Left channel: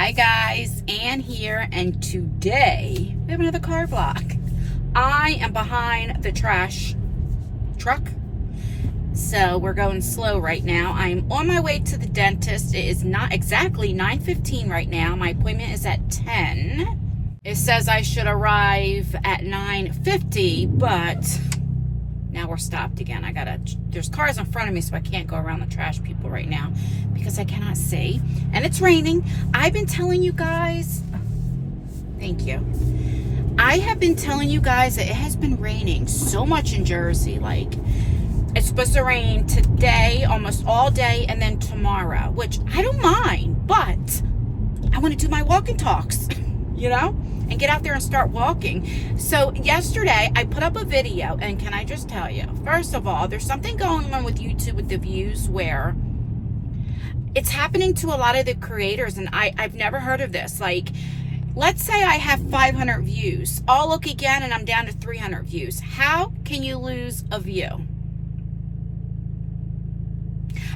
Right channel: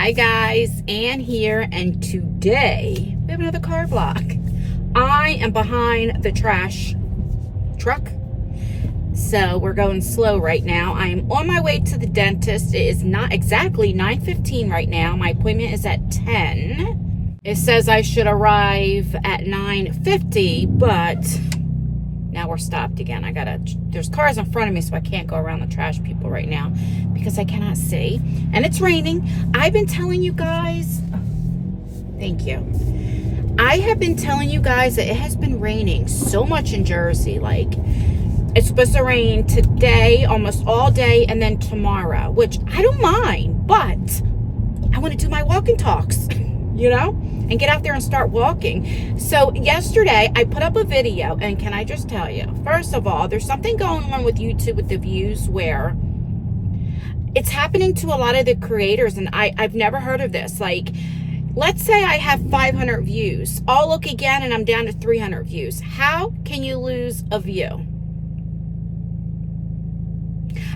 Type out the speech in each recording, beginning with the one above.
Hi guys, Ann here, and today we have another car vlog. I am behind the trash truck, so we're going slow right now. I am on my way to the dentist. It is not exactly 9:15 right now. My appointment is at 10. It says I should arrive at 9:50, but now we're stopped again. There's cars in front of me, so I can't go around the trash people right now because I cannot see. And it's raining. I've been telling you guys, thank you. I have been telling you guys that it has been raining so much in Jersey. Like, it's supposed to rain today, almost all day, and then tomorrow, which I don't mind, but I want to do my walk and talks, you know? And get out there and start walking. So yesterday I put up a video, and can I just tell you, first of all, there's something going on with YouTube with the views where it's happening to a lot of the creators, and I've never heard of this. Like, let's say I have 500 views. I'll look again and I'm down to 300 views. How can you lose a view?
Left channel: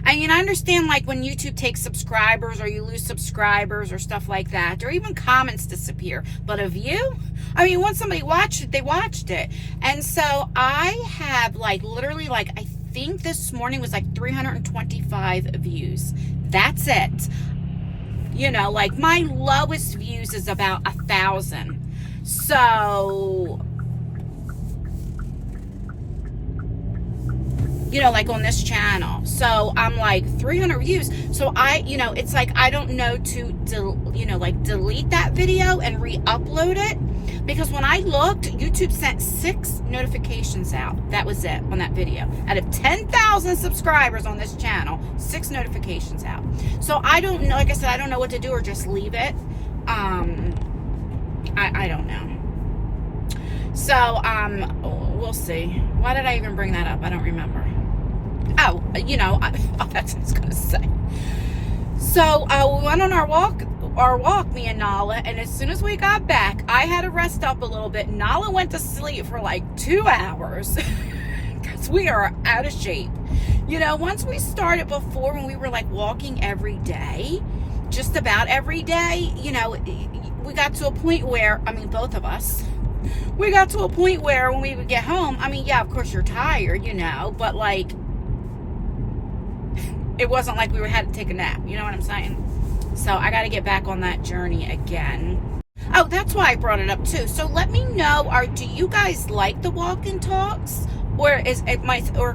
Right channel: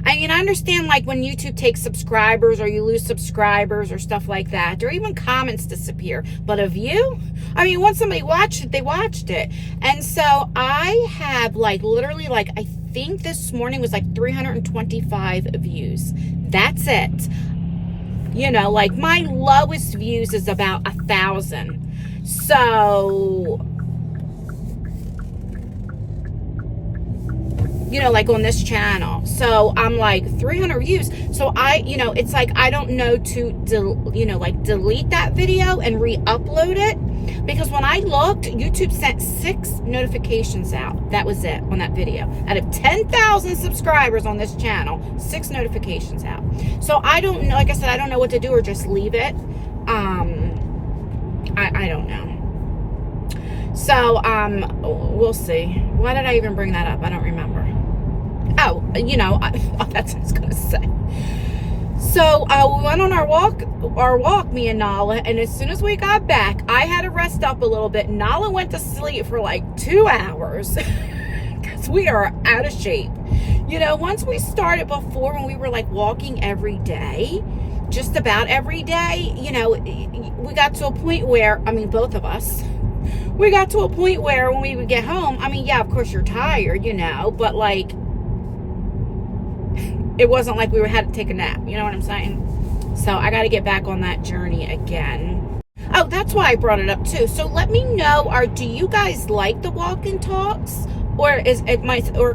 I mean, I understand, like, when YouTube takes subscribers or you lose subscribers or stuff like that, or even comments disappear. But a view? I mean, once somebody watched it, they watched it. And so I have, like, literally, like, I think this morning was like 325 views. That's it. You know, like, my lowest views is about 1,000. So, you know, like on this channel. So I'm like 300 views. So it's like, I don't know to, delete that video and re-upload it. Because when I looked, YouTube sent 6 notifications out. That was it on that video. Out of 10,000 subscribers on this channel, 6 notifications out. So I don't know, like I said, I don't know what to do, or just leave it. I don't know. So, we'll see. Why did I even bring that up? I don't remember. Oh, that's what I was going to say. So, we went on our walk, me and Nala, and as soon as we got back, I had to rest up a little bit. Nala went to sleep for like 2 hours because we are out of shape. You know, once we started before, when we were like walking every day, just about every day, you know, we got to a point where, I mean, both of us, we got to a point where when we would get home, I mean, yeah, of course you're tired, you know, but like, it wasn't like we had to take a nap, you know what I'm saying? So I got to get back on that journey again. Oh, that's why I brought it up too. So let me know, do you guys like the walk and talks, or it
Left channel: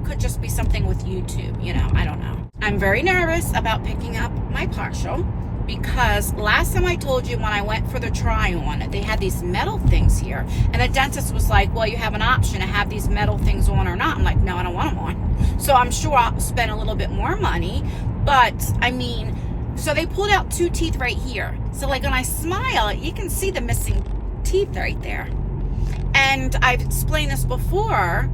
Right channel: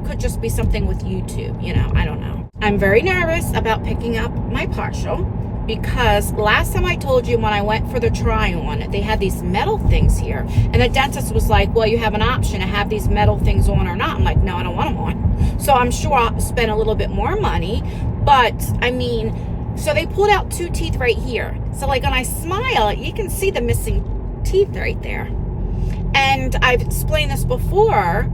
could just be something with YouTube, you know, I don't know. I'm very nervous about picking up my partial, because last time I told you, when I went for the try-on, they had these metal things here. And the dentist was like, well, you have an option to have these metal things on or not. I'm like, no, I don't want them on. So I'm sure I'll spend a little bit more money. But, I mean, so they pulled out 2 teeth right here. So, like, when I smile, you can see the missing teeth right there. And I've explained this before.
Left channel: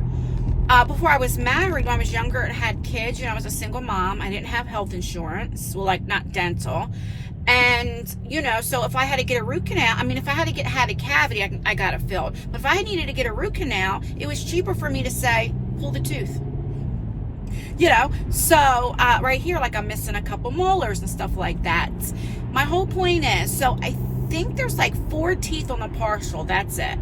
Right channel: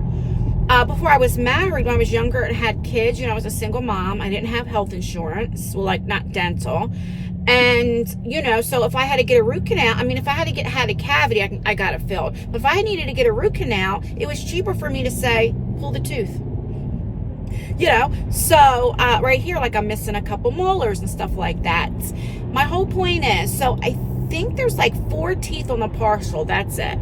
Before I was married, when I was younger and had kids, you know, I was a single mom. I didn't have health insurance, well, like, not dental. And, you know, so if I had to get a root canal, I mean, if I had a cavity, I got it filled. But if I needed to get a root canal, it was cheaper for me to say, pull the tooth. You know, so right here, like, I'm missing a couple molars and stuff like that. My whole point is, so I think there's like 4 teeth on the partial. That's it.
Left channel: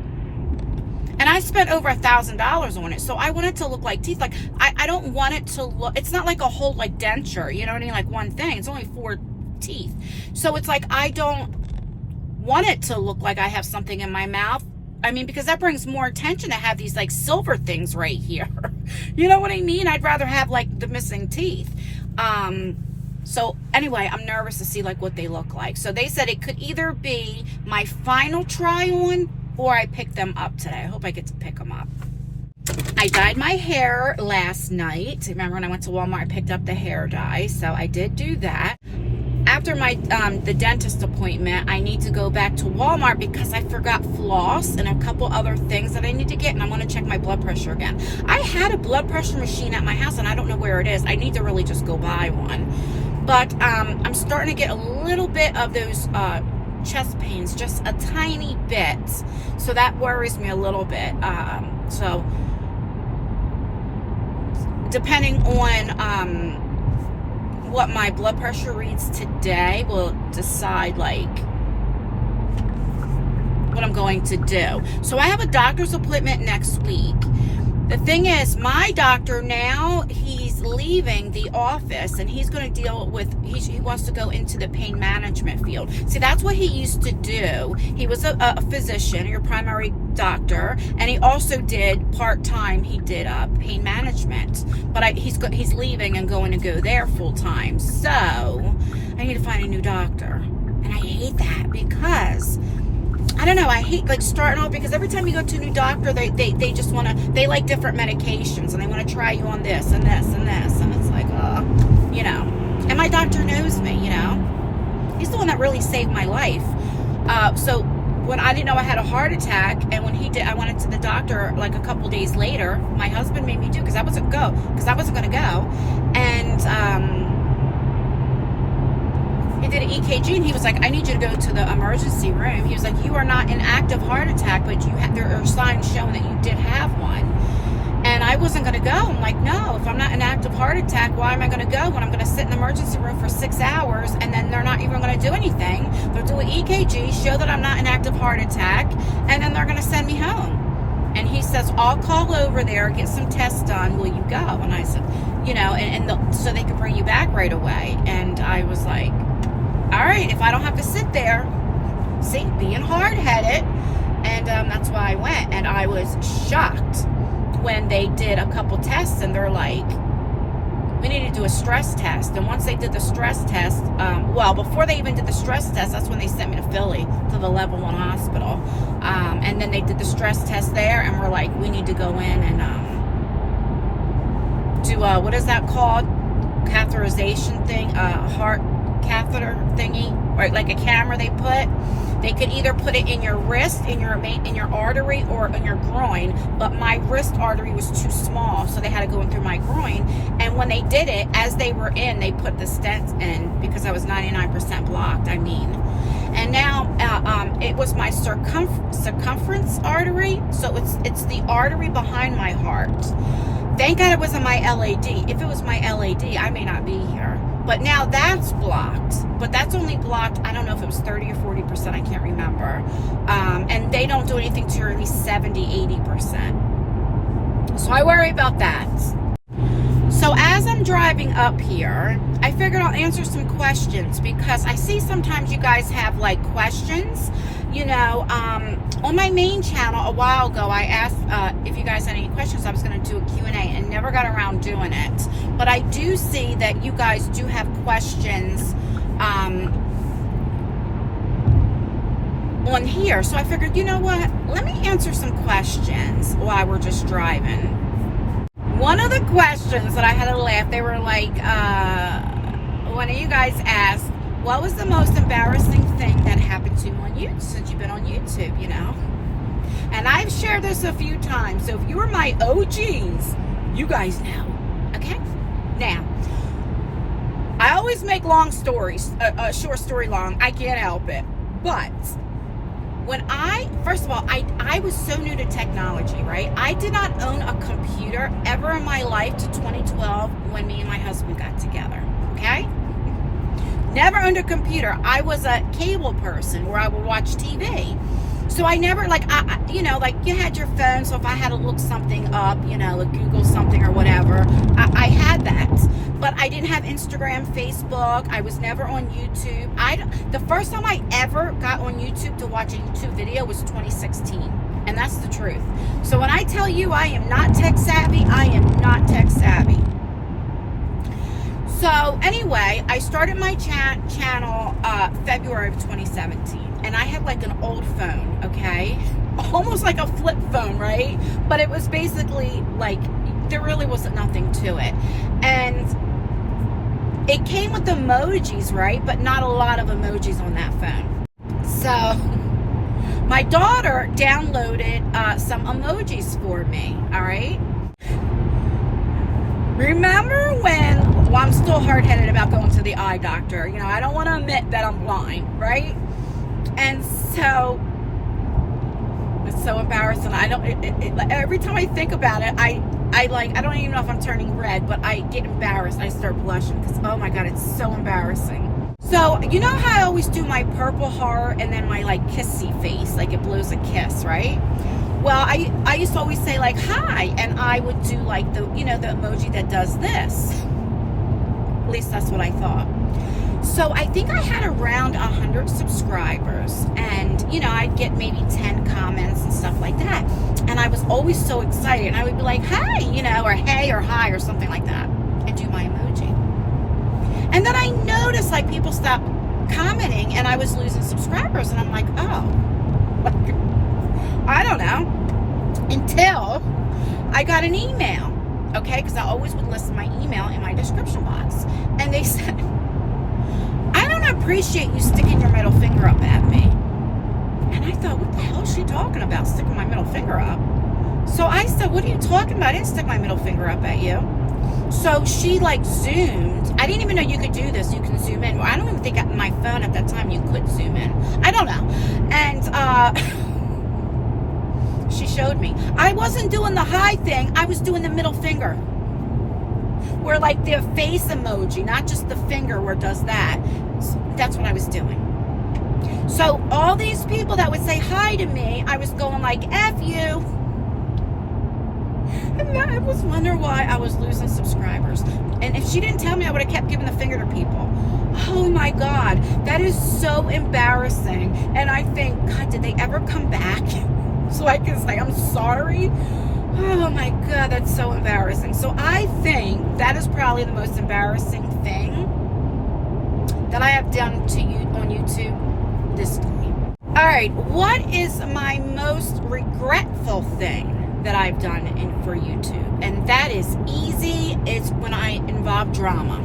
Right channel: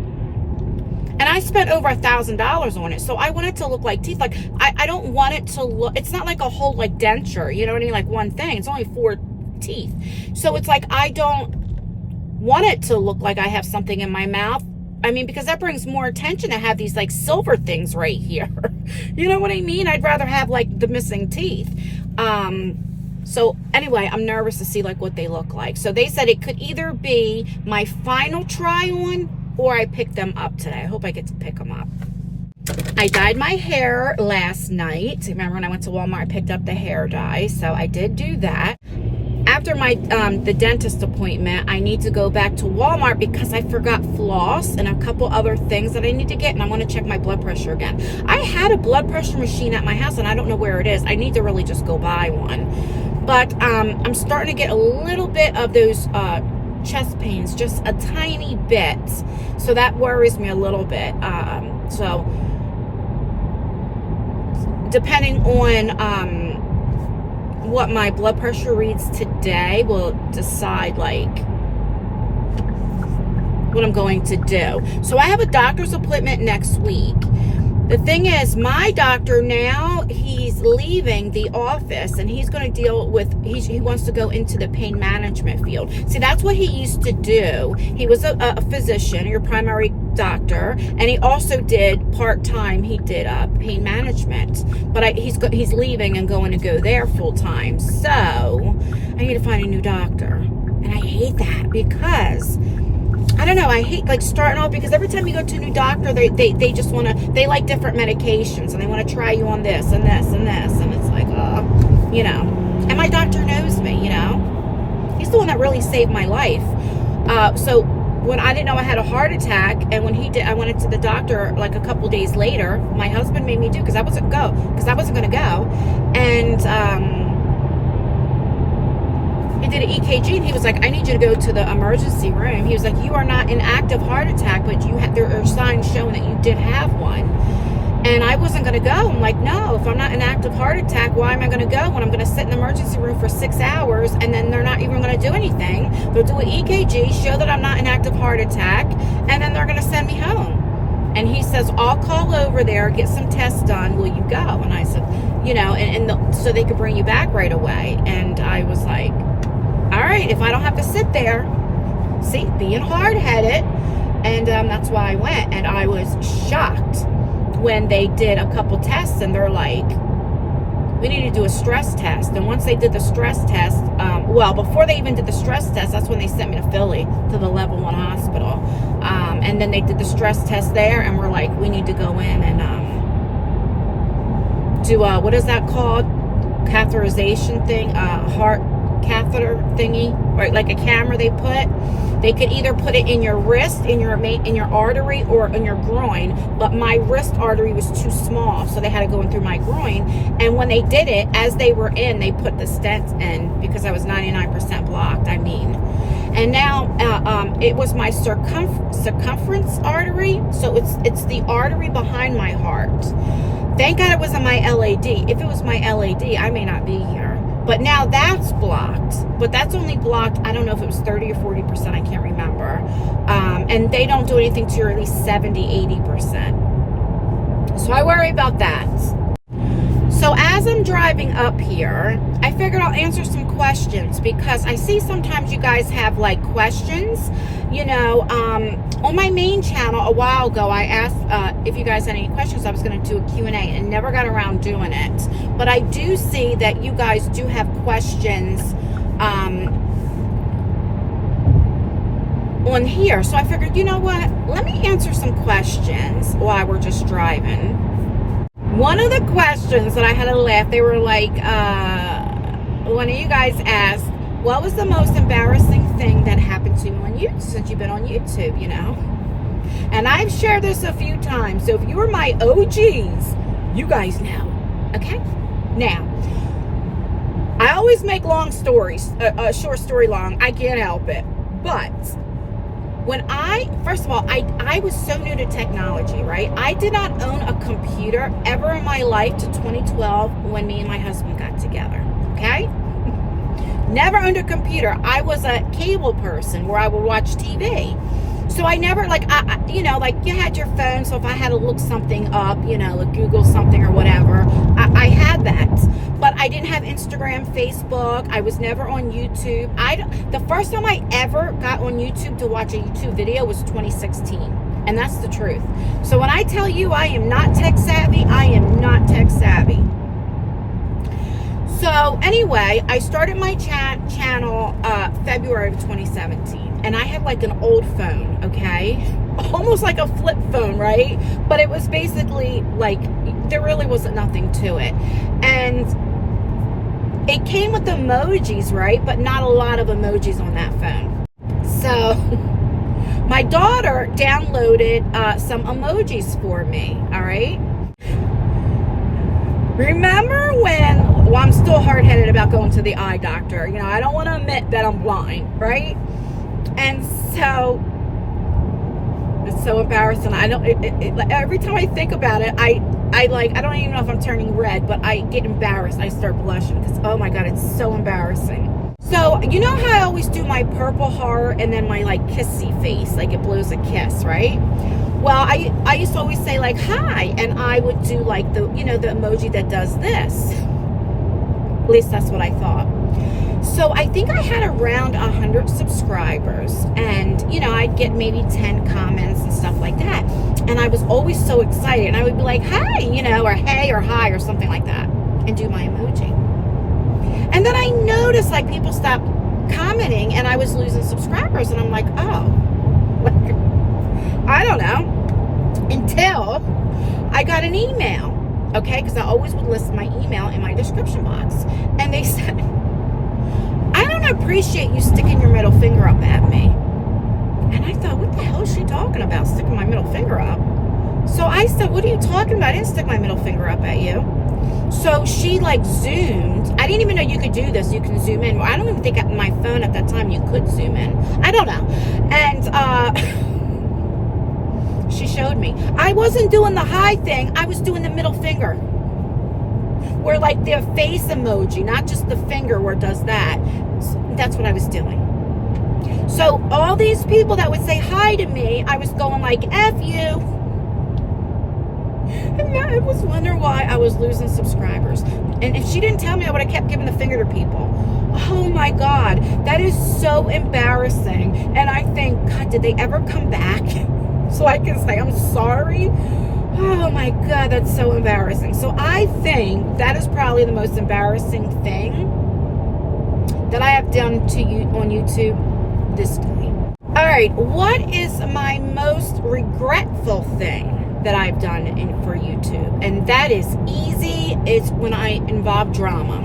And I spent over $1,000 on it. So I want it to look like teeth. Like, I don't want it to look, it's not like a whole, like, denture, you know what I mean? Like one thing. It's only 4 teeth. So it's like, I don't want it to look like I have something in my mouth. I mean, because that brings more attention to have these, like, silver things right here. You know what I mean? I'd rather have, like, the missing teeth. So anyway, I'm nervous to see, like, what they look like. So they said it could either be my final try on, or I pick them up today. I hope I get to pick them up. I dyed my hair last night. Remember when I went to Walmart, I picked up the hair dye. So I did do that. After my the dentist appointment, I need to go back to Walmart because I forgot floss and a couple other things that I need to get, and I want to check my blood pressure again. I had a blood pressure machine at my house, and I don't know where it is. I need to really just go buy one. But I'm starting to get a little bit of those chest pains, just a tiny bit. So that worries me a little bit. So depending on what my blood pressure reads today will decide like what I'm going to do. So I have a doctor's appointment next week. The thing is, my doctor now, he's leaving the office and he's going to deal with, he wants to go into the pain management field. See, that's what he used to do. He was a physician, your primary doctor, and he also did part-time, he did pain management. But he's leaving and going to go there full-time. So I need to find a new doctor. And I hate that because I don't know, I hate like starting off, because every time you go to a new doctor, they just want to, they like different medications and they want to try you on this and this and this, and it's like, you know, and my doctor knows me, you know, he's the one that really saved my life. So when I didn't know I had a heart attack, and when he did, I went to the doctor like a couple days later. My husband made me do, because I wasn't going to go, and he did an EKG, and he was like, I need you to go to the emergency room. He was like, you are not an active heart attack, but there are signs showing that you did have one. And I wasn't going to go. I'm like, no, if I'm not an active heart attack, why am I going to go when I'm going to sit in the emergency room for 6 hours, and then they're not even going to do anything? They'll do an EKG, show that I'm not an active heart attack, and then they're going to send me home. And he says, I'll call over there, get some tests done. Will you go? And I said, you know, so they could bring you back right away. And I was like, all right, if I don't have to sit there, see, being hard-headed, and that's why I went. And I was shocked when they did a couple tests, and they're like, we need to do a stress test. And once they did the stress test, well, before they even did the stress test, that's when they sent me to Philly, to the level 1 hospital. And then they did the stress test there, and we're like, we need to go in and do, what is that called? Catheterization thing, heart catheter thingy, or like a camera they could either put it in your wrist, in your artery, or in your groin. But my wrist artery was too small, so they had to go in through my groin. And when they did it, as they were in, they put the stent in, because I was 99% blocked. And now it was my circumference artery, so it's the artery behind my heart. Thank God it wasn't my LAD. If it was my LAD, I may not be here. But now that's blocked. But that's only blocked, I don't know if it was 30 or 40%, I can't remember. And they don't do anything to at least 70, 80%. So I worry about that. So as I'm driving up here, I figured I'll answer some questions, because I see sometimes you guys have like questions. You know, on my main channel a while ago, I asked if you guys had any questions. I was going to do a Q&A and never got around doing it. But I do see that you guys do have questions on here. So I figured, you know what? Let me answer some questions while we're just driving. One of the questions that I had to laugh, they were like, one of you guys asked, what was the most embarrassing thing that happened to you on YouTube, since you've been on YouTube, you know? And I've shared this a few times, so if you were my OGs, you guys know, okay? Now, I always make long stories, a short story long. I can't help it. But first of all, I was so new to technology, right? I did not own a computer ever in my life to 2012 when me and my husband got together, okay? Never owned a computer. I was a cable person where I would watch TV. So I never, like, you know, like you had your phone, so if I had to look something up, you know, like Google something or whatever, I had that. But I didn't have Instagram, Facebook. I was never on YouTube. The first time I ever got on YouTube to watch a YouTube video was 2016. And that's the truth. So when I tell you I am not tech savvy, I am not tech savvy. So anyway, I started my channel February of 2017. And I had like an old phone, okay? Almost like a flip phone, right? But it was basically like, there really wasn't nothing to it. And it came with emojis, right? But not a lot of emojis on that phone. So my daughter downloaded some emojis for me, all right? Remember when, well, I'm still hard-headed about going to the eye doctor. You know, I don't want to admit that I'm blind, right? And so, it's so embarrassing. Every time I think about it, I I don't even know if I'm turning red, but I get embarrassed. I start blushing because, oh my God, it's so embarrassing. So, you know how I always do my purple heart and then my like kissy face, like it blows a kiss, right? Well, I used to always say like, hi, and I would do like the, you know, the emoji that does this. At least that's what I thought. So I think I had around 100 subscribers, and you know, I'd get maybe 10 comments and stuff like that. And I was always so excited, and I would be like, hi, you know, or hey, or hi, or something like that, and do my emoji. And then I noticed like people stopped commenting, and I was losing subscribers, and I'm like, oh, like, I don't know, until I got an email, okay, because I always would list my email in my description box, and they said, I don't appreciate you sticking your middle finger up at me. And I thought, what the hell is she talking about, sticking my middle finger up? So I said, what are you talking about? I didn't stick my middle finger up at you. So she like zoomed. I didn't even know you could do this. You can zoom in. Well, I don't even think on my phone at that time you could zoom in. I don't know. And she showed me. I wasn't doing the hi thing. I was doing the middle finger. Where like the face emoji, not just the finger where it does that. That's what I was doing. So all these people that would say hi to me, I was going like, F you. And I was wondering why I was losing subscribers. And if she didn't tell me, I would have kept giving the finger to people. Oh my God, that is so embarrassing. And I think, God, did they ever come back so I can say I'm sorry? Oh my God, that's so embarrassing. So I think that is probably the most embarrassing thing that I have done to you on YouTube this time. All right, what is my most regretful thing that I've done for YouTube? And that is easy. It's when I involve drama.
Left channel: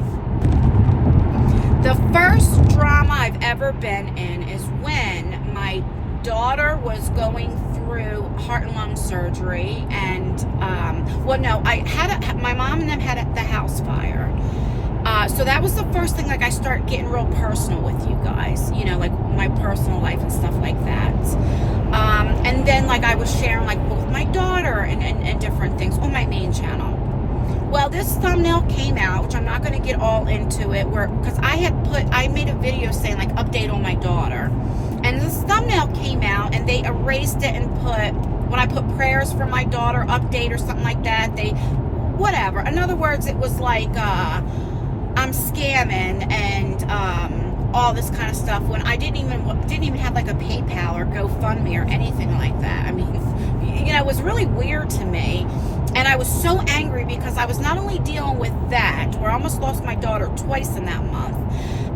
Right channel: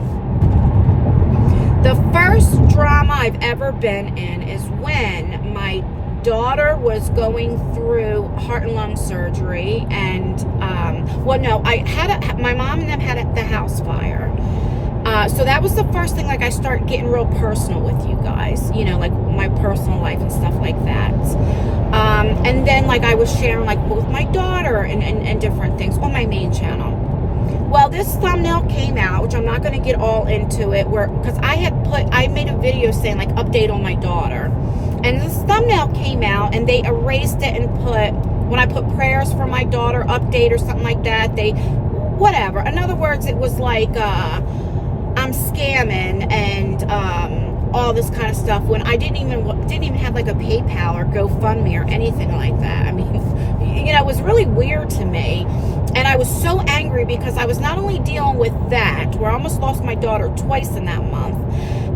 The first drama I've ever been in is when my daughter was going through heart and lung surgery, and my mom and them had the house fire. So that was the first thing, like I start getting real personal with you guys, you know, like my personal life and stuff like that. And then like I was sharing like with my daughter and different things on my main channel. Well, this thumbnail came out, which I'm not going to get all into it, because I made a video saying like update on my daughter. And this thumbnail came out, and they erased it and when I put prayers for my daughter, update or something like that, whatever. In other words, it was like, I'm scamming and all this kind of stuff, when I didn't even have like a PayPal or GoFundMe or anything like that. I mean, you know, it was really weird to me. And I was so angry because I was not only dealing with that, where I almost lost my daughter twice in that month,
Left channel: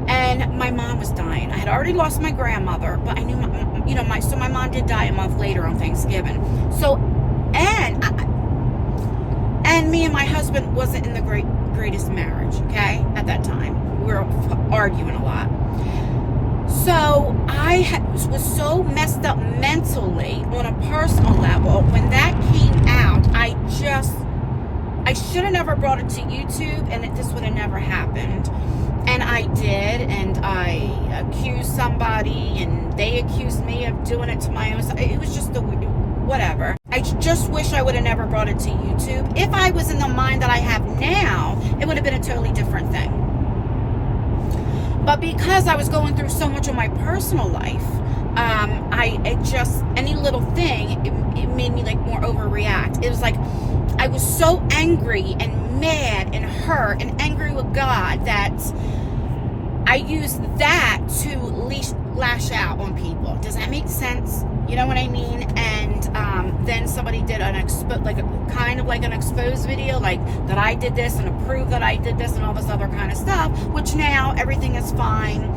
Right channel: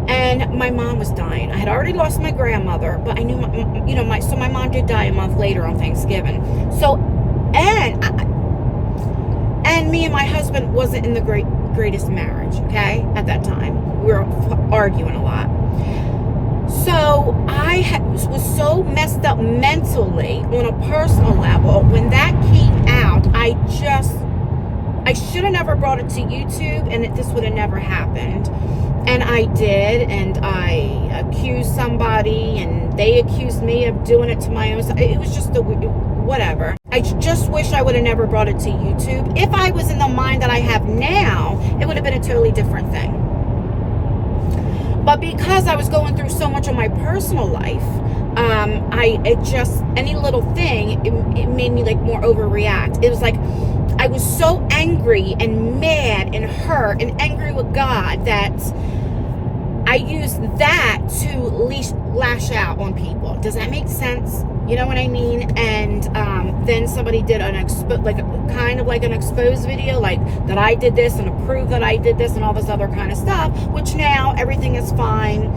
and my mom was dying. I had already lost my grandmother, but I knew, so my mom did die a month later on Thanksgiving. So, and me and my husband wasn't in the greatest marriage, okay, at that time. We were arguing a lot. So I was so messed up mentally on a personal level. When that came out, I should have never brought it to YouTube, and this would have never happened. And I did, and I accused somebody, and they accused me of doing it to my own. It was just whatever. I just wish I would have never brought it to YouTube. If I was in the mind that I have now, it would have been a totally different thing. But because I was going through so much of my personal life, any little thing, it made me like more overreact. It was like, I was so angry and mad and hurt and angry with God that I used that to lash out on people. Does that make sense? You know what I mean? And then somebody did an exposed video, like that I did this and to prove that I did this and all this other kind of stuff, which now everything is fine.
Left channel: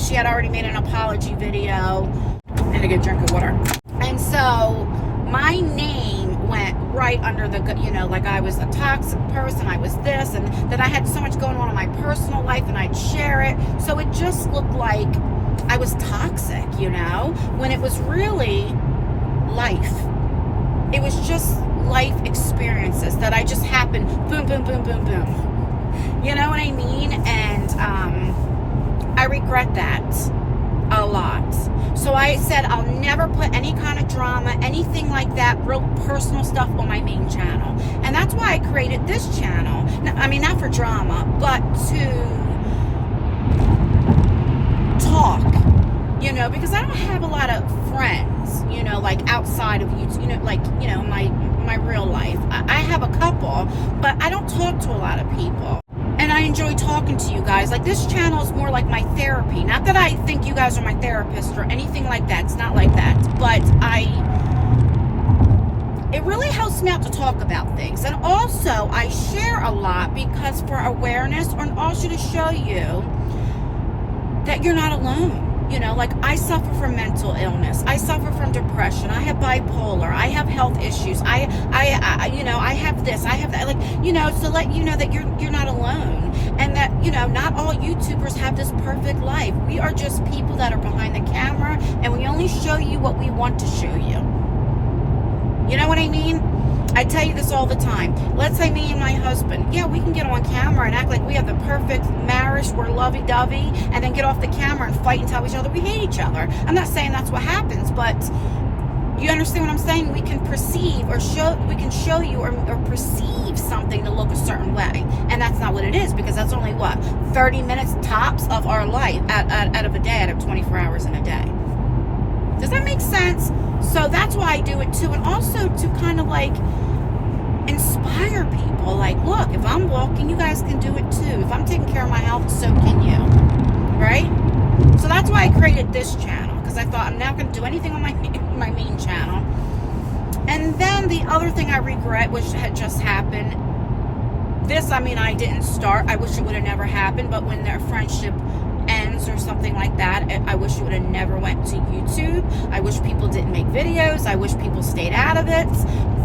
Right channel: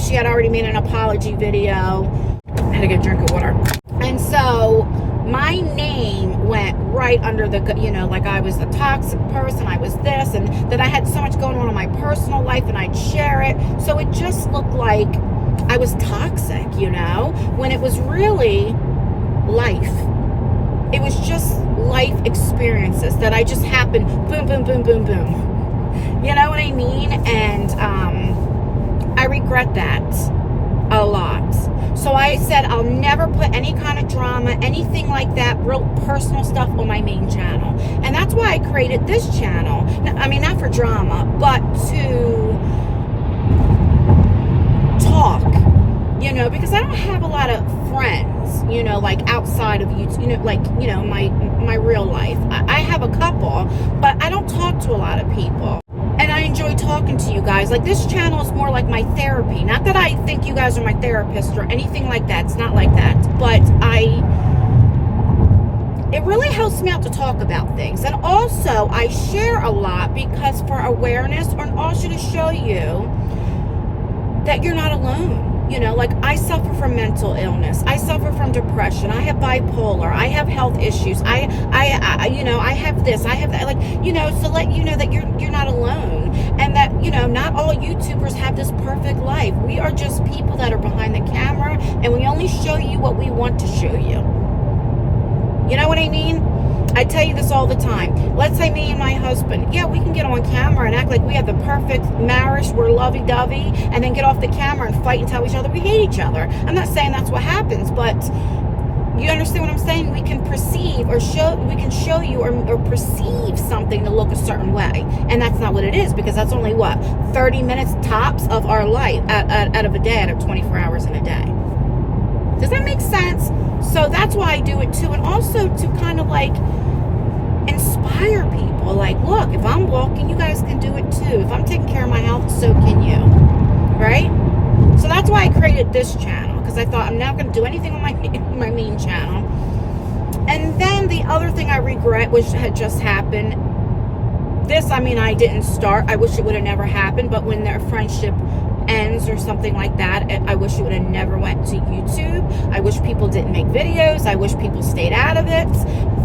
She had already made an apology video. I had to get a drink of water. And so my name went right under the, like I was a toxic person, I was this, and that I had so much going on in my personal life, and I'd share it. So it just looked like I was toxic, when it was really life. It was just life experiences that I just happened, boom, boom, boom, boom, boom. You know what I mean? And I regret that a lot. So I said I'll never put any kind of drama, anything like that, real personal stuff on my main channel. And that's why I created this channel. I mean, not for drama, but to talk, you know, because I don't have a lot of friends, you know, like outside of YouTube, you know, like, you know, my real life. I have a couple, but I don't talk to a lot of people. And I enjoy talking to you guys. Like, this channel is more like my therapy. Not that I think you guys are my therapist or anything like that. It's not like that. But it really helps me out to talk about things. And also, I share a lot because for awareness, and also to show you that you're not alone. You know, like, I suffer from mental illness. I suffer from depression. I have bipolar. I have health issues. I you know, I have this. I have that. Like, you know, so let you know that you're not alone, and that, you know, not all YouTubers have this perfect life. We are just people that are behind the camera, and we only show you what we want to show you. You know what I mean? I tell you this all the time. Let's say me and my husband, yeah, we can get on camera and act like we have the perfect marriage, we're lovey-dovey, and then get off the camera and fight and tell each other we hate each other. I'm not saying that's what happens, but you understand what I'm saying? We can perceive or we can show you or perceive something to look a certain way. And that's not what it is, because that's only, what, 30 minutes tops of our life out of a day, out of 24 hours in a day. Does that make sense? So that's why I do it too. And also to kind of like inspire people. Like, look, if I'm walking, you guys can do it too. If I'm taking care of my health, so can you. Right? So that's why I created this channel, because I thought I'm not going to do anything on my main channel. And then the other thing I regret, which had just happened, this, I mean, I didn't start. I wish it would have never happened. But when their friendship ends or something like that, I wish it would have never went to YouTube. I wish people didn't make videos. I wish people stayed out of it.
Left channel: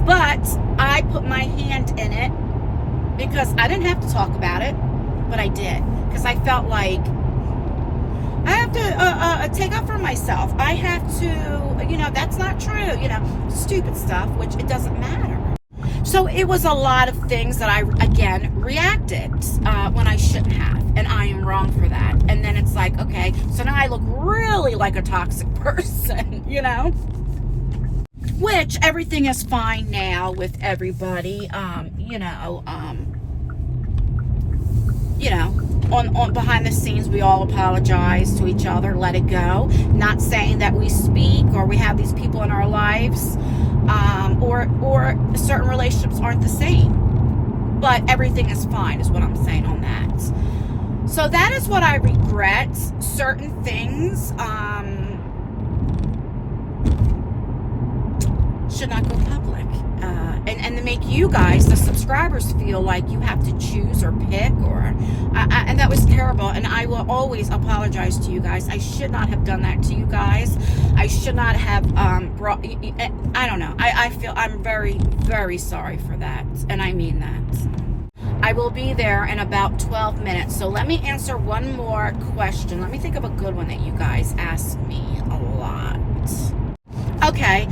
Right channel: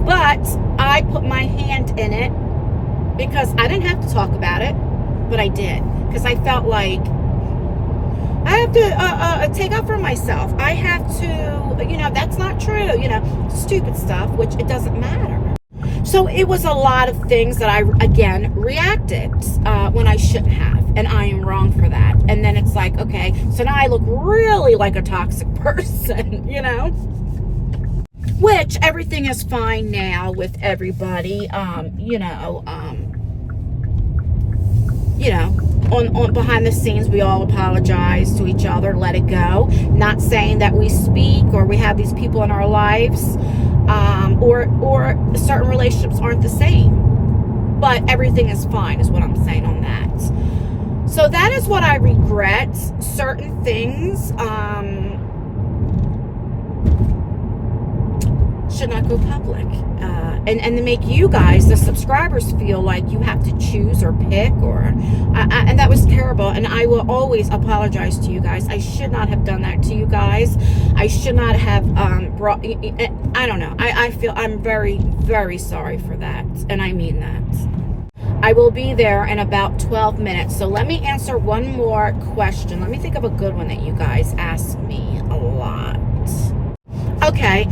But I put my hand in it because I didn't have to talk about it, but I did, because I felt like I have to take up for myself. I have to, you know, that's not true, you know, stupid stuff, which it doesn't matter. So it was a lot of things that I, again, reacted when I shouldn't have. And I am wrong for that. And then it's like, okay, so now I look really like a toxic person, you know? Which everything is fine now with everybody, you know, on behind the scenes, we all apologize to each other, let it go. Not saying that we speak or we have these people in our lives, or certain relationships aren't the same, but everything is fine is what I'm saying on that. So that is what I regret. Certain things should not go public, and to make you guys, the subscribers, feel like you have to choose or pick, or and that was terrible. And I will always apologize to you guys. I should not have done that to you guys. I should not have brought, I don't know, I feel I'm very, very sorry for that, and I mean that. I will be there in about 12 minutes. So let me answer one more question. Let me think of a good one that you guys ask me a lot. Okay.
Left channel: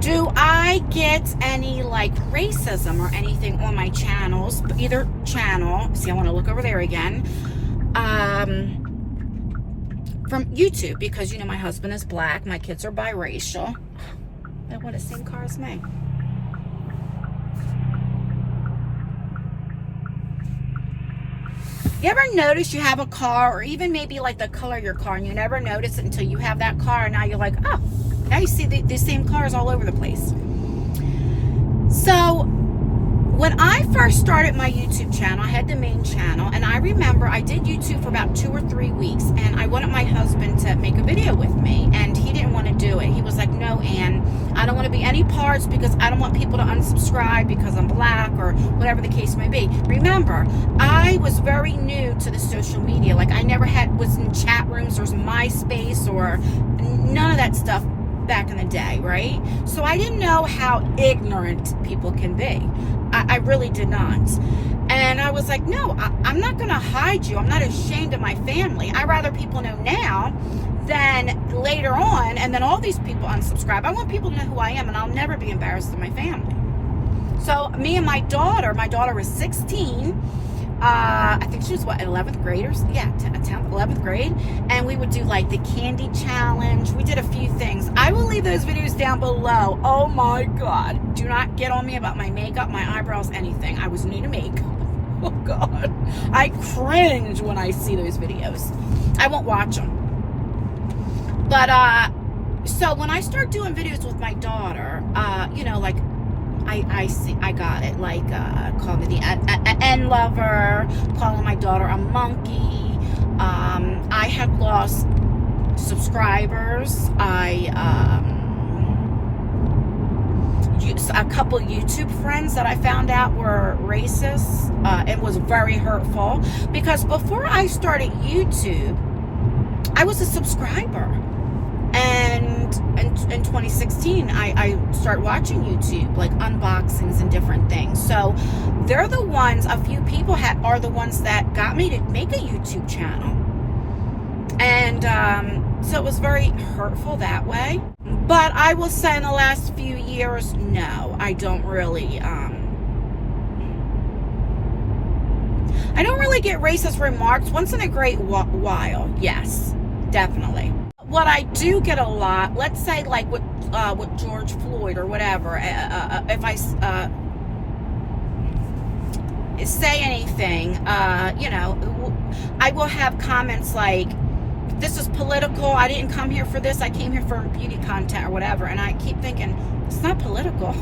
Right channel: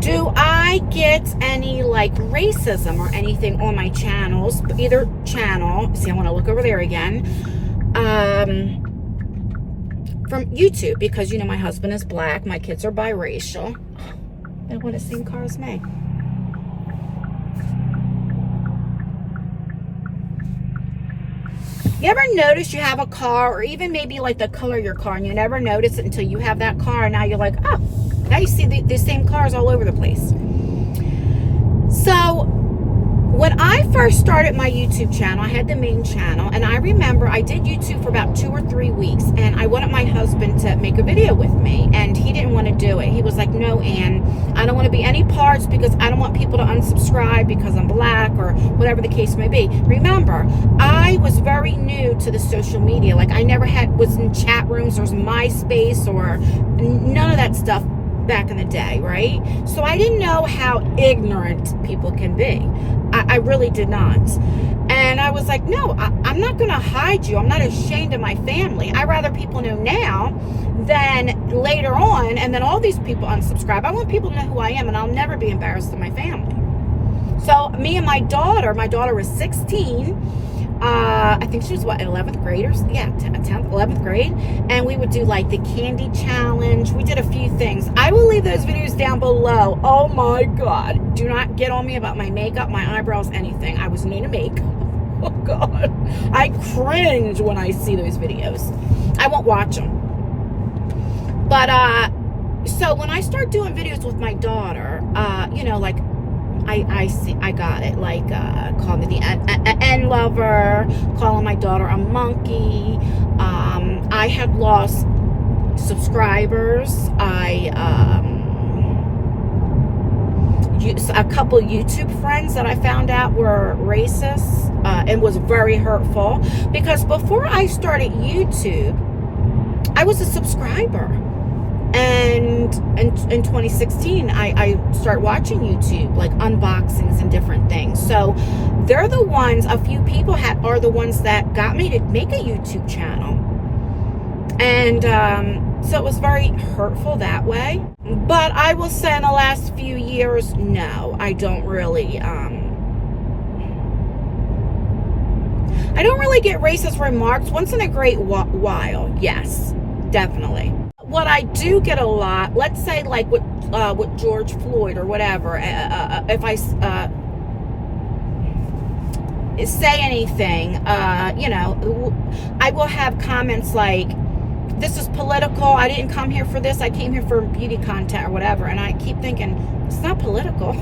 Do I get any, like, racism or anything on my channels? Either channel. See, I want to look over there again. From YouTube. Because, you know, my husband is black. My kids are biracial. They want the same car as me. You ever notice you have a car, or even maybe like the color of your car, and you never notice it until you have that car, and now you're like, oh, now you see the same cars all over the place. So when I first started my YouTube channel, I had the main channel, and I remember I did YouTube for about 2 or 3 weeks, and I wanted my husband to make a video with me, and he didn't want to do it. He was like, no, Ann, I don't want to be any parts, because I don't want people to unsubscribe because I'm black, or whatever the case may be. Remember, I was very new to the social media. Like, I never was in chat rooms or MySpace or none of that stuff back in the day, right? So I didn't know how ignorant people can be. I really did not. And I was like, no, I'm not going to hide you. I'm not ashamed of my family. I'd rather people know now than later on, and then all these people unsubscribe. I want people to know who I am, and I'll never be embarrassed of my family. So me and my daughter was 16. I think she was what, 11th graders? Yeah, 10th, 11th grade. And we would do like the candy challenge. We did a few things. I will leave those videos down below. Oh my God. Do not get on me about my makeup, my eyebrows, anything. I was new to make. Oh God. I cringe when I see those videos. I won't watch them. But, so when I start doing videos with my daughter, you know, like, I got it, like, calling me the N lover, calling my daughter a monkey. I had lost subscribers. A couple YouTube friends that I found out were racist, and was very hurtful, because before I started YouTube, I was a subscriber. And in 2016, I started watching YouTube, like unboxings and different things. So they're the ones, a few people are the ones that got me to make a YouTube channel. And so it was very hurtful that way. But I will say in the last few years, no, I don't really get racist remarks. Once in a great while, yes, definitely. What I do get a lot, let's say like with George Floyd or whatever, if I say anything, you know, I will have comments like, this is political, I didn't come here for this, I came here for beauty content or whatever. And I keep thinking, it's not political.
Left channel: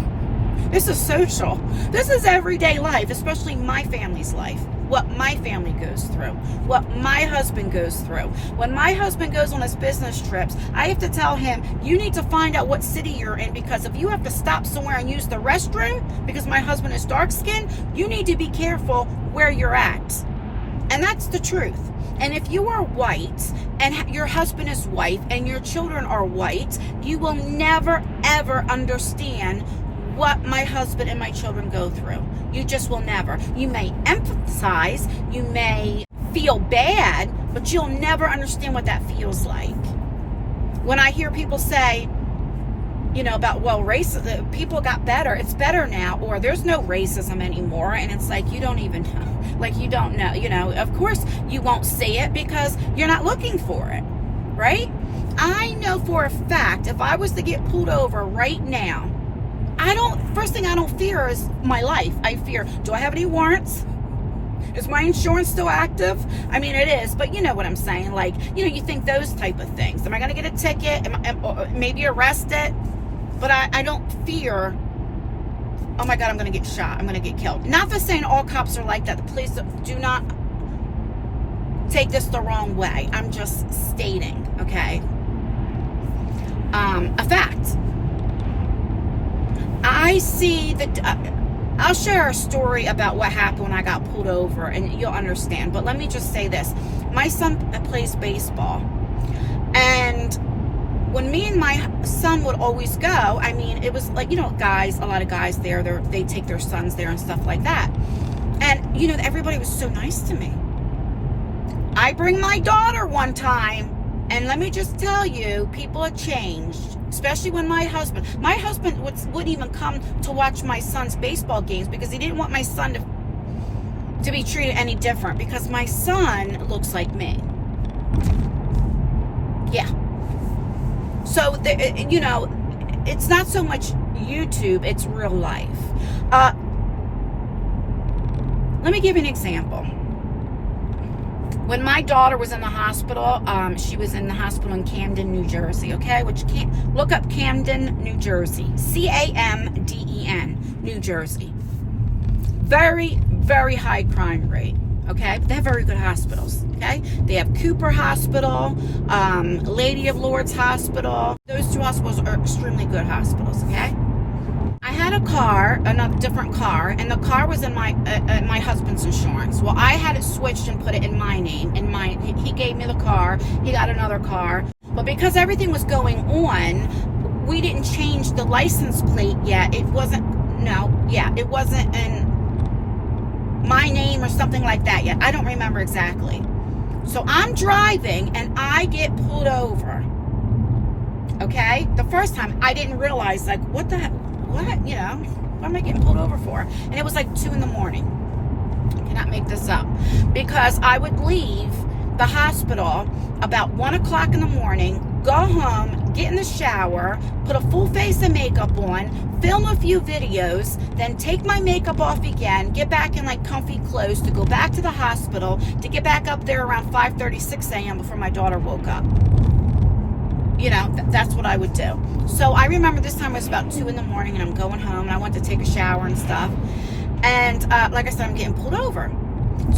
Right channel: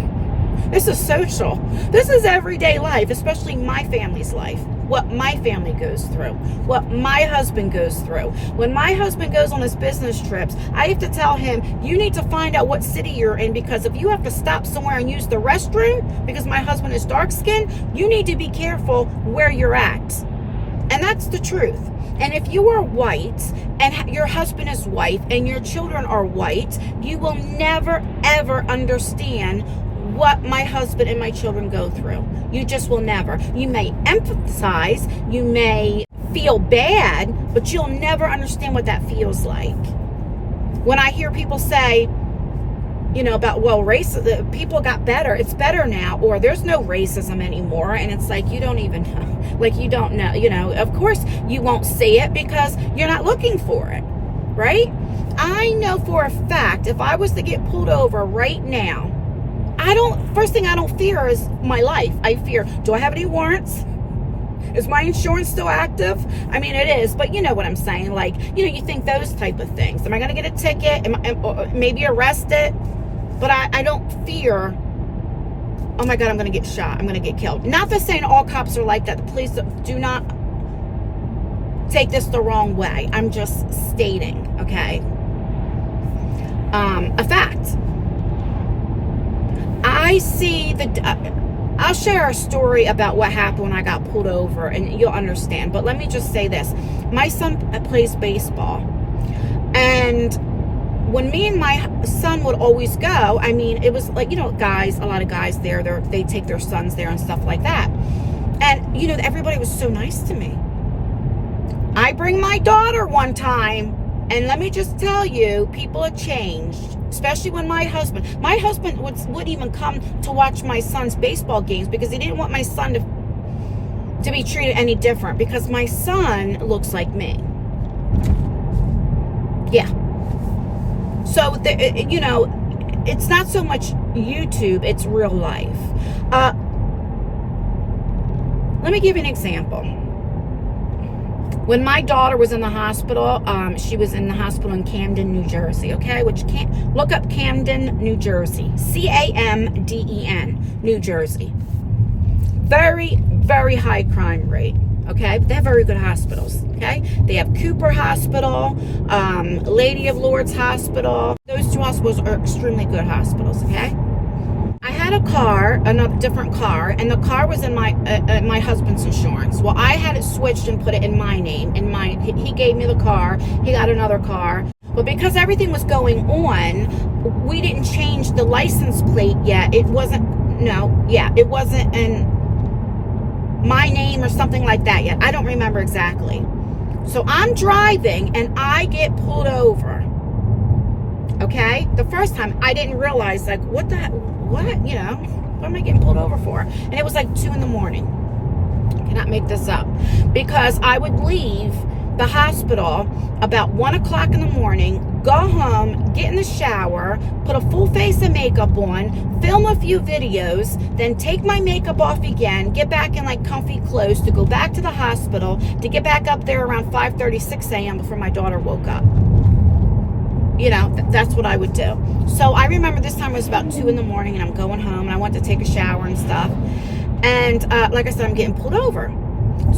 This is social. This is everyday life, especially my family's life. What my family goes through, what my husband goes through. When my husband goes on his business trips, I have to tell him, you need to find out what city you're in, because if you have to stop somewhere and use the restroom, because my husband is dark skinned, you need to be careful where you're at. And that's the truth. And if you are white and your husband is white and your children are white, you will never ever understand what my husband and my children go through. You just will never. You may empathize, you may feel bad, but you'll never understand what that feels like. When I hear people say, you know, about, well, racism, people got better, it's better now, or there's no racism anymore, and it's like, you don't even know. Like, you don't know, you know, of course you won't see it because you're not looking for it, right? I know for a fact, if I was to get pulled over right now, first thing I don't fear is my life. I fear, do I have any warrants? Is my insurance still active? I mean, it is, but you know what I'm saying. Like, you know, you think those type of things. Am I going to get a ticket? Maybe arrested? But I don't fear, oh my God, I'm going to get shot. I'm going to get killed. Not for saying all cops are like that. The police do not take this the wrong way. I'm just stating, okay? A fact. I'll share a story about what happened when I got pulled over, and you'll understand. But let me just say this. My son plays baseball. And when me and my son would always go, I mean, it was like, you know, guys, a lot of guys there, they take their sons there and stuff like that. And, you know, everybody was so nice to me. I bring my daughter one time, and let me just tell you, people have changed, especially when my husband would even come to watch my son's baseball games because he didn't want my son to be treated any different, because my son looks like me. Yeah. So, you know, it's not so much YouTube, it's real life. Let me give you an example. When my daughter was in the hospital, she was in the hospital in Camden, New Jersey, okay? Look up Camden, New Jersey. C-A-M-D-E-N, New Jersey. Very, very high crime rate, okay? But they have very good hospitals, okay? They have Cooper Hospital, Lady of Lourdes Hospital. Those two hospitals are extremely good hospitals, okay? I had a car, another different car, and the car was in my husband's insurance. Well, I had it switched and put it in my name. He gave me the car. He got another car. But because everything was going on, we didn't change the license plate yet. It wasn't in my name or something like that yet. I don't remember exactly. So I'm driving and I get pulled over. Okay? The first time I didn't realize, like, what, you know, what am I getting pulled over for? And it was like 2 a.m. Cannot make this up. Because I would leave the hospital about 1 o'clock in the morning, go home, get in the shower, put a full face of makeup on, film a few videos, then take my makeup off again, get back in like comfy clothes to go back to the hospital, to get back up there around 5:30, 6 a.m. before my daughter woke up. You know, that's what I would do. So I remember this time it was about 2 in the morning and I'm going home and I went to take a shower and stuff. And like I said, I'm getting pulled over.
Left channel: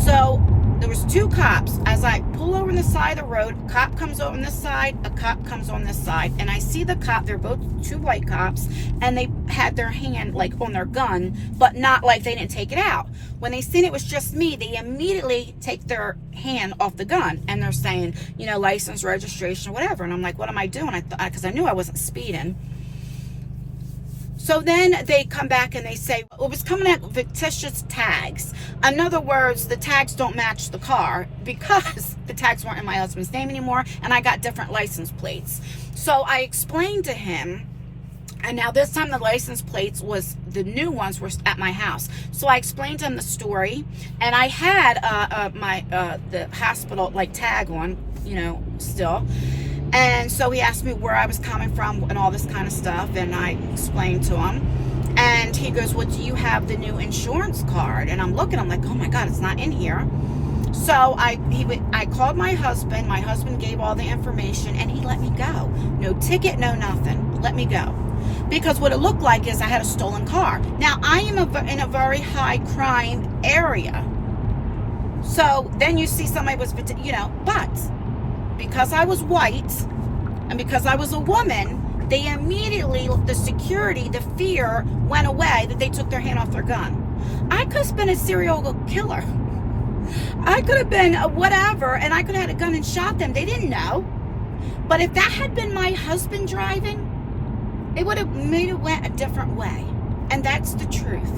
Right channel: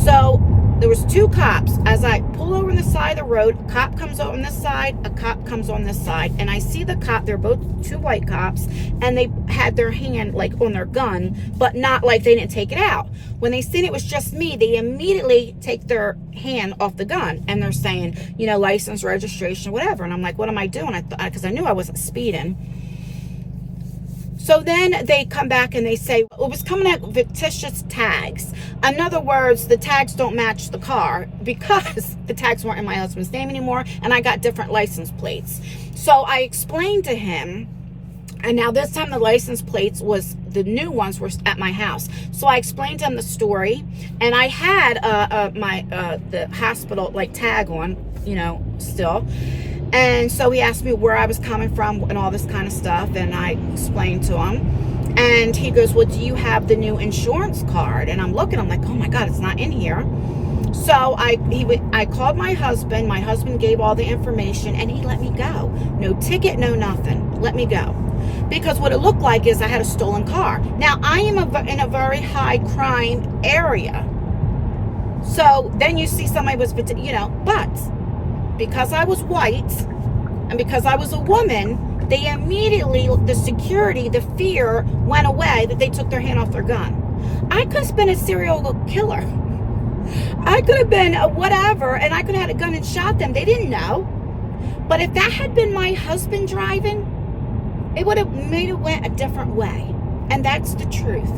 So there was 2 cops. As I pull over on the side of the road, a cop comes over on this side, a cop comes on this side. And I see the cop, they're both 2 white cops, and they had their hand like on their gun, but not like they didn't take it out. When they seen it was just me, they immediately take their hand off the gun and they're saying, you know, license, registration, whatever. And I'm like, what am I doing? Because I knew I wasn't speeding. So then they come back and they say, it was coming out fictitious tags. In other words, the tags don't match the car because the tags weren't in my husband's name anymore and I got different license plates. So I explained to him, and now this time the license plates was, the new ones were at my house. So I explained to him the story, and I had the hospital like tag on, you know, still. And so he asked me where I was coming from and all this kind of stuff, and I explained to him. And he goes, well, do you have the new insurance card? And I'm looking, I'm like, oh my God, it's not in here. So I called my husband. My husband gave all the information and he let me go. No ticket, no nothing. Let me go. Because what it looked like is I had a stolen car. Now, I am in a very high crime area. So then you see somebody was, you know, but because I was white and because I was a woman, they immediately, the security, the fear went away that they took their hand off their gun. I could have been a serial killer. I could have been a whatever, and I could have had a gun and shot them. They didn't know. But if that had been my husband driving, it would have made it went a different way. And that's the truth.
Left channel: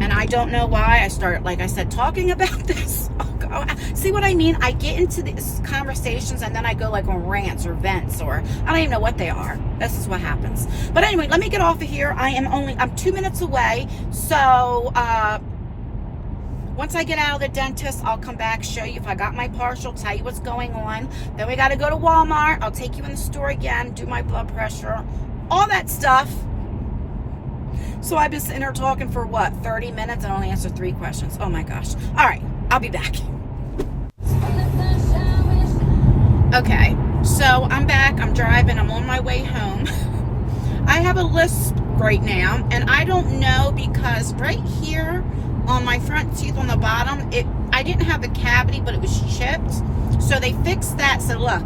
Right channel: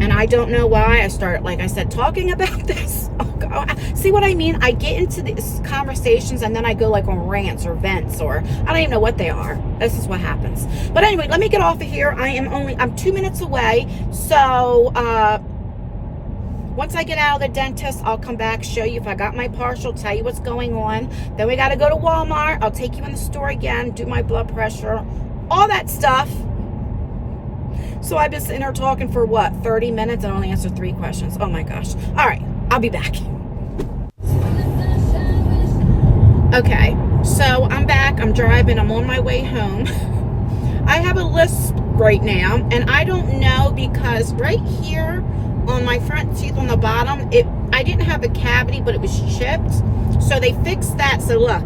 And I don't know why I started, like I said, talking about this. Oh God. See what I mean? I get into these conversations and then I go like on rants or vents, or I don't even know what they are. This is what happens. But anyway, let me get off of here. I'm 2 minutes away. So, once I get out of the dentist, I'll come back, show you if I got my partial, tell you what's going on. Then we got to go to Walmart. I'll take you in the store again, do my blood pressure, all that stuff. So I've been sitting here talking for what, 30 minutes and only answered 3 questions. Oh my gosh. All right, I'll be back. Okay, so I'm back. I'm driving. I'm on my way home. I have a lisp right now, and I don't know because right here on my front teeth on the bottom, I didn't have a cavity, but it was chipped. So they fixed that. So look,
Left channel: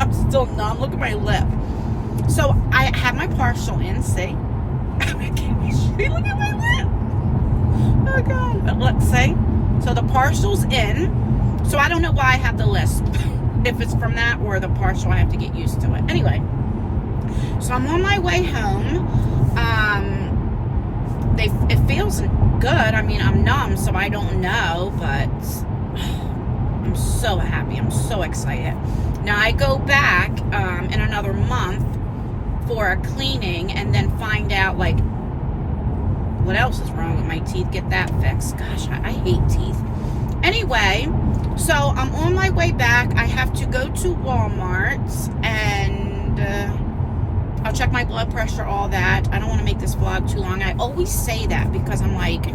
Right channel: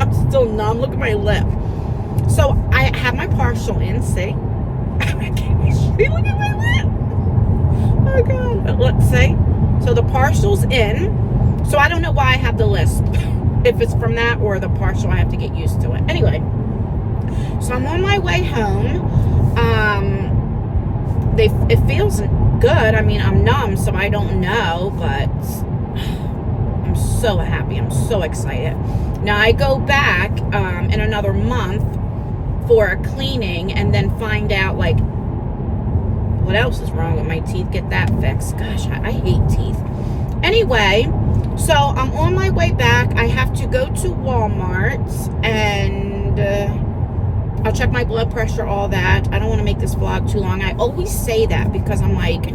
I'm still numb. Look at my lip. So I have my partial in, see? Look at my lip. Oh God. But let's see. So the partial's in. So I don't know why I have the lisp. If it's from that or the partial, I have to get used to it. Anyway, so I'm on my way home. It feels good. I mean, I'm numb, so I don't know, but I'm so happy. I'm so excited. Now I go back in another month for a cleaning and then find out like what else is wrong with my teeth, get that fixed. Gosh, I hate teeth. Anyway, so I'm on my way back. I have to go to Walmart and I'll check my blood pressure, all that. I don't want to make this vlog too long. I always say that because I'm like,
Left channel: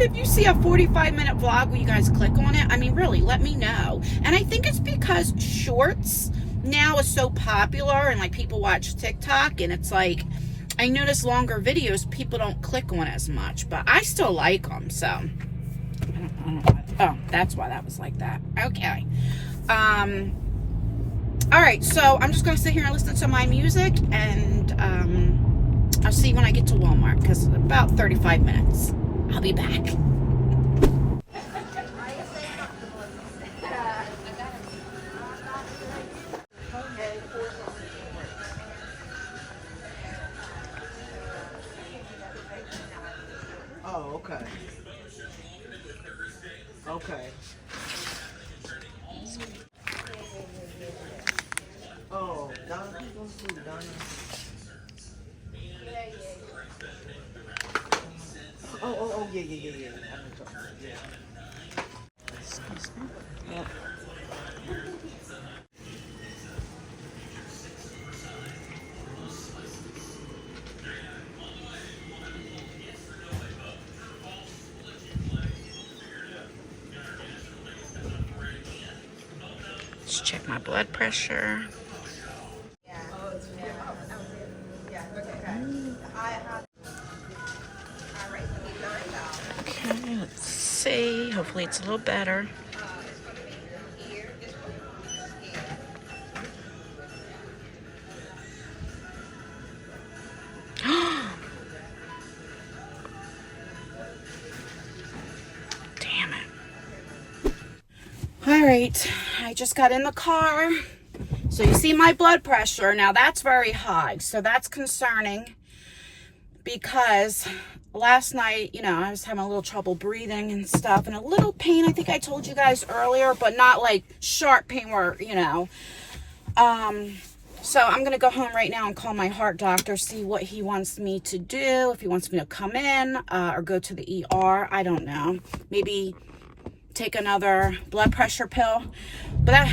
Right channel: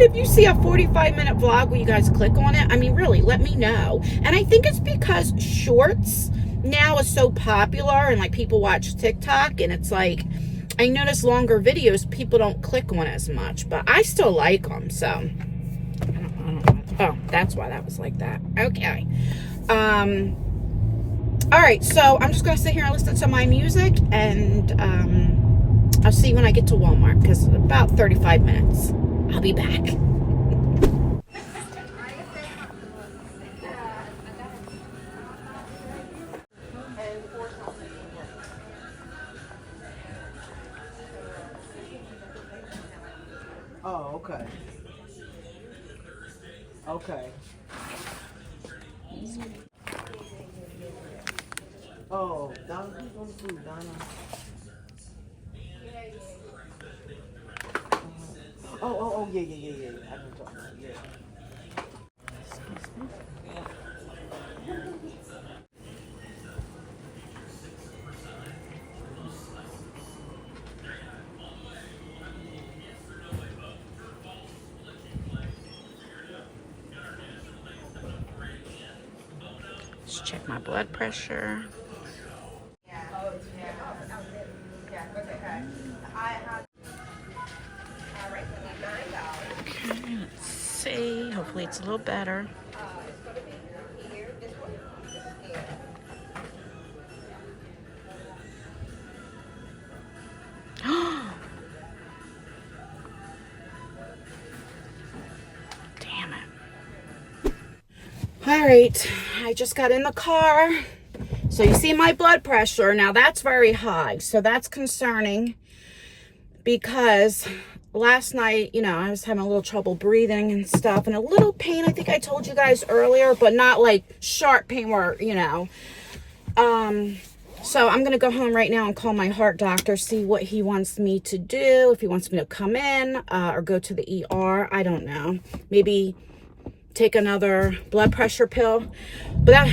if you see a 45-minute vlog where you guys click on it, I mean, really, let me know. And I think it's because shorts now is so popular and like people watch TikTok and it's like, I notice longer videos, people don't click on as much, but I still like them, so I don't know. Oh, that's why that was like that. Okay. All right, so I'm just going to sit here and listen to my music, and I'll see you when I get to Walmart, because about 35 minutes. I'll be back. Oh, okay. Okay. Oh, Donna, who's on food, Donna? Oh, yeah. Let's check my blood pressure. Okay, let's see. Hopefully it's a little better. Damn it. All right, I just got in the car. So you see my blood pressure. Now that's very high. So that's concerning because last night, you know, I was having a little trouble breathing and stuff and a little pain. I think I told you guys earlier, but not like sharp pain where, you know. So I'm going to go home right now and call my heart doctor, see what he wants me to do, if he wants me to come in or go to the ER. I don't know. Maybe take another blood pressure pill. But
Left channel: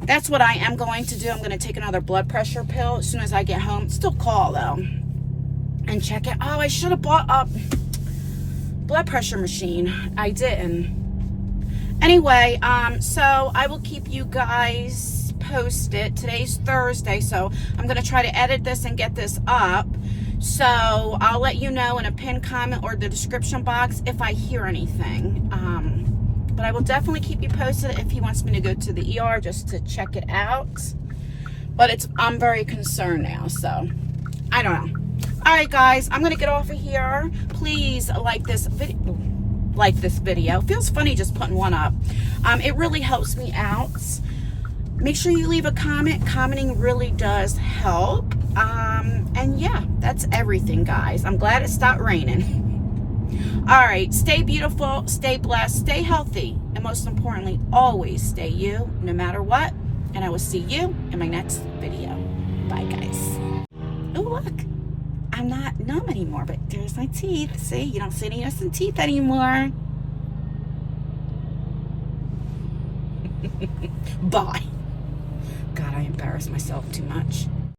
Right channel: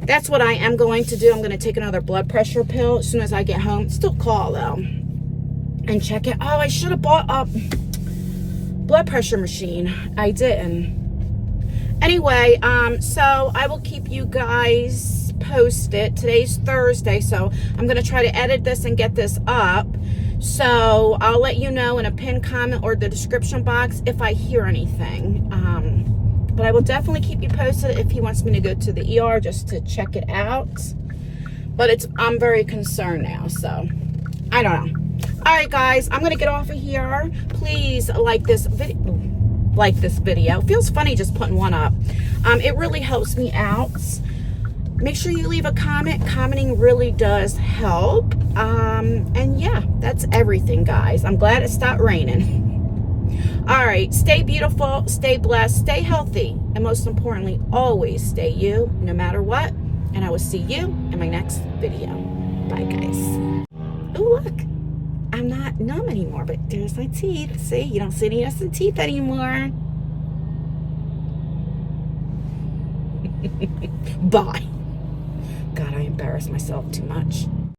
that's what I am going to do. I'm going to take another blood pressure pill as soon as I get home. Still call, though, and check it. Oh, I should have bought a blood pressure machine. I didn't. Anyway, so I will keep you guys posted. Today's Thursday, so I'm going to try to edit this and get this up. So I'll let you know in a pinned comment or the description box if I hear anything. But I will definitely keep you posted if he wants me to go to the ER just to check it out. But I'm very concerned now, so I don't know. All right, guys, I'm going to get off of here. Please like this video. It feels funny just putting one up. It really helps me out. Make sure you leave a comment. Commenting really does help. And yeah, that's everything, guys. I'm glad it stopped raining. All right, stay beautiful, stay blessed, stay healthy, and most importantly, always stay you, no matter what. And I will see you in my next video. Bye, guys. Oh, look, I'm not numb anymore, but there's my teeth. See, you don't see any innocent teeth anymore. Bye. God, I embarrass myself too much.